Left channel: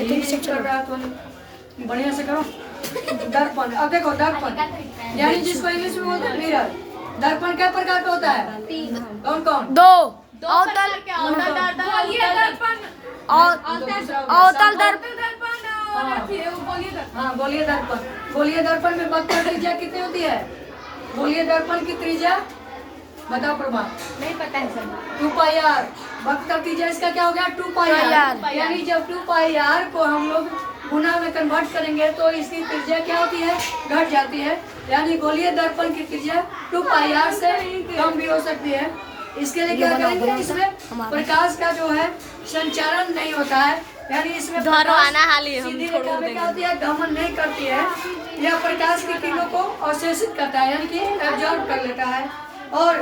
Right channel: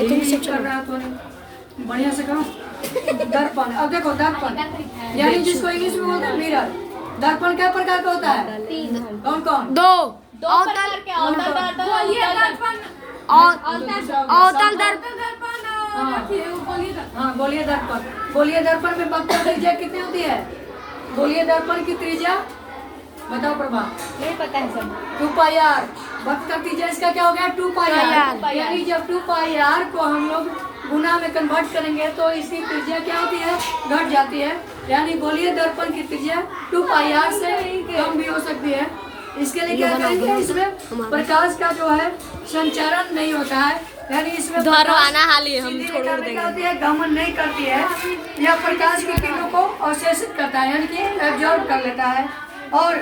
कर रहा तो नहीं, बढ़िया से करो। दर्पण, अब देखो दर्पण यानी जिसको इंग्लिश में बोलते हैं मिरर। दर्पण क्या प्रकार का होता है? कौन कौन? दो प्रकार के अवतल दर्पण, अवतल दर्पण। हाँ गोलीय दर्पण। गोलीय दर्पण में वक्र त्रिज्या कितनी होती है? गोलीय दर्पण की त्रिज्या बताओ प्रभा। नहीं पता है सब। 2πr। वक्र त्रिज्या इसका क्या हो गया? 2πr। यानी जब 2πr को हम लोग गुना में कन्वर्ट करेंगे तो इसकी त्रिज्या क्या होती है? घट जाती है। यानी गोलीय दर्पण की त्रिज्या 2πr से कम भी हो सकती है। इसके लिए क्या करेंगे? इसमें प्रकाश का जो है संचारण नहीं होता है, यानी इसमें क्या होती है? गमन नहीं करती है, यह प्रकाश की किरणों को अवशोषित करता है, यानी कि एब्जॉर्ब कर लेता है। और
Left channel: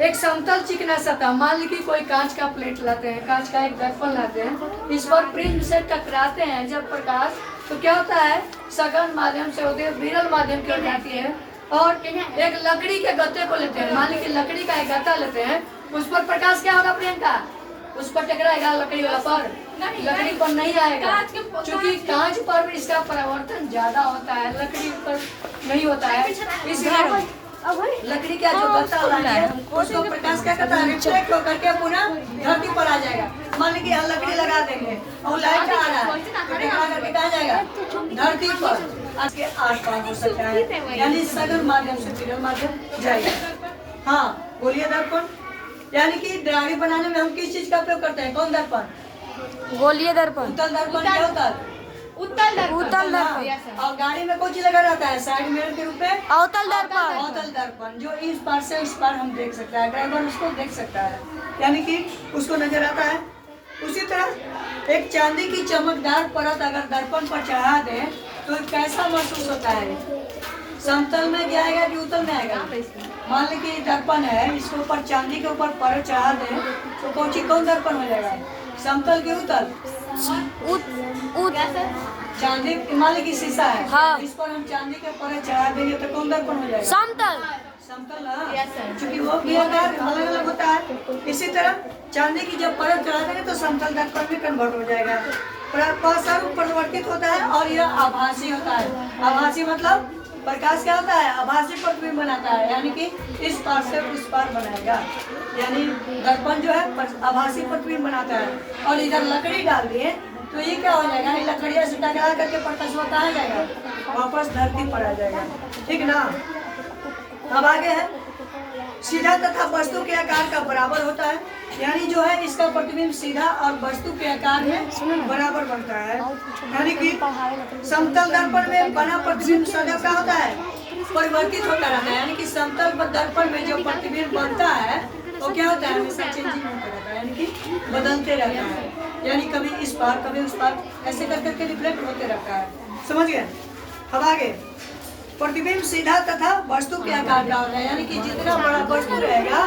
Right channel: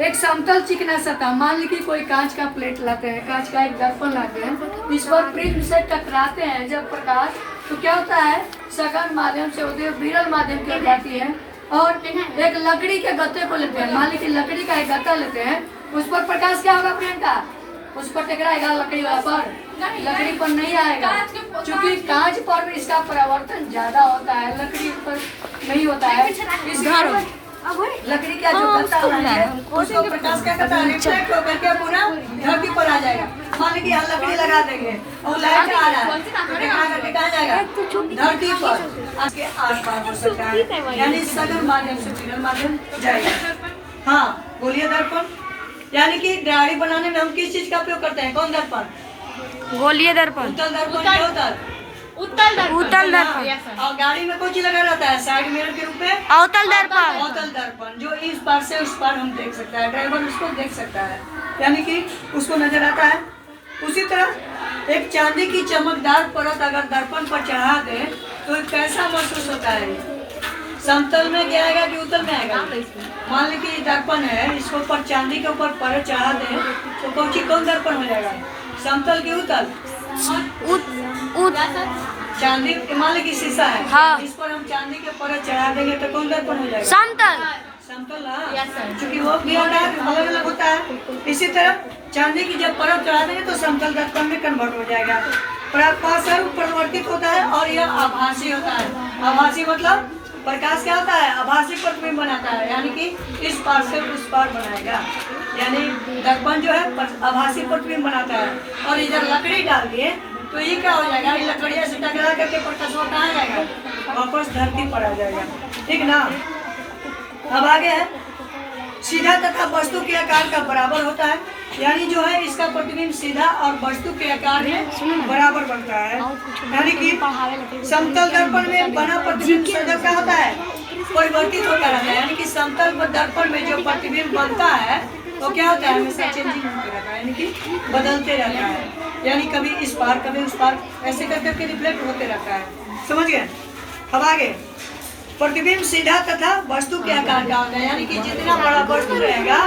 एक समतल चिकना सतह, मान लीजिए कोई कांच का प्लेट लाते हैं, कांच का एक दर्पण लाते हैं, इस पर प्रिज्म से टकराते हैं जब प्रकाश, तो क्या होता है? सघन माध्यम से होती है, विरल माध्यम की जाती है। और एक लकड़ी के गत्ते को लेते हैं, मान लीजिए लकड़ी का एक गत्ता लेते हैं, उस पर प्रकाश क्या होगा प्रियंका? उस पर टकराएगा लकड़ी वाला पर, लकड़ी पर नहीं आएगा, क्योंकि कांच पर इसका परावर्तन ज्यादा होता है, लकड़ी पर नहीं होता है। इसलिए लकड़ी का जो गत्ता है उसको प्रकाश क्या करता है? रिफ्लेक्ट होकर के पूरा धरती पर आ जाएगा। मान लीजिए यहाँ लकड़ी लगा देंगे और लाइट आ रहा है, कहाँ जाएगा? धरती पर। आज के आस-पास हो सकता है, यानी सघन माध्यम से विरल माध्यम जाएगा। हाँ गोलीय दर्पण, यानी कि डायरी बनाने में हम किस चीज का उपयोग करते हैं? कौन दर्पण? गोलीय दर्पण। उत्तल दर्पण क्या होता है? उत्तल दर्पण। और गाड़ी में कौन चीज लगा रहता है साइड मिरर के रूप में? अवतल दर्पण। अवतल दर्पण, जो इस पार से उस पार हम देख सकता है, ड्राइवर उसको देख सकता है, यानी कि उसको नजर आता है। उसी तरह एक चांदी की चमकदार परत अगर दर्पण पर चढ़ा दें तो कैसा महसूस होता है? समतल में क्या आएगा कि उत्तल में आएगा? मान लीजिए दर्पण है, इसको ऊपर चांदी के ऊपर परत चढ़ा दें तो कौन दर्पण हो जाएगा? समतल की उत्तल? चांदी, मान लीजिए शीशा है, हाँ। इस पर हम चांदी के परत चढ़ा देंगे तो कौन दर्पण हो जाएगा? समतल। समतल, हाँ, क्योंकि वो भी अलग अलग होता है। इसी तरह चांदी की जब परत चढ़ा देंगे तो समतल दर्पण में कन्वर्ट हो जाएगा। प्रकाश परिवर्तित होता है और यह आभासी होता है। आभासी मतलब प्रकाश क्या होता है? आभासी प्रतिबिंब बनाता है, यानी कि इस पार से उस पार बनाएगा, यानी दर्पण जो है आभासी प्रतिबिंब बनाता है। और इधर लकड़ी डाल दिए तो ये क्या हो जाएगा? लकड़ियाँ से टकरा करके प्रकाश कहाँ जाएगा? वापस धरती पर आ जाएगा, ठीक ना? अब आगे है सीधा तथा वस्तु के आकार का बराबर होता है, यानी जो है इसका प्रतिबिंब सीधा और वस्तु के आकार में बराबर बनता है। यानी कि समतल दर्पण में बना प्रतिबिंब सदैव क्या होता है? परिवर्तित होता रहता है, यानी कि समतल दर्पण में जो प्रतिबिंब बनता है वो क्या होता है? हमेशा चेंजिंग होता रहता है, यानी कि बदलते रहता है, यानी कभी इस पार कभी उस पार ऐसे कर करके रिफ्लेक्ट होते रहता है। समझ गए? अब आगे प्रतिबिंब सीधा तथा वस्तु के आकार का होता है, यानी कि जितना बड़ा वस्तु रहेगा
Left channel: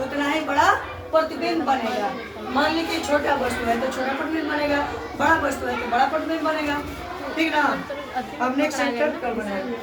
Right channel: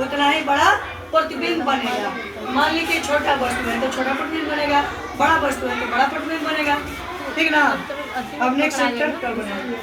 उतना ही बड़ा प्रतिबिंब बनेगा। मान लीजिए छोटा वस्तु है तो छोटा प्रतिबिंब बनेगा, बड़ा वस्तु है तो बड़ा प्रतिबिंब बनेगा, ठीक ना? अब नेक्स्ट चैप्टर कल बनाएंगे।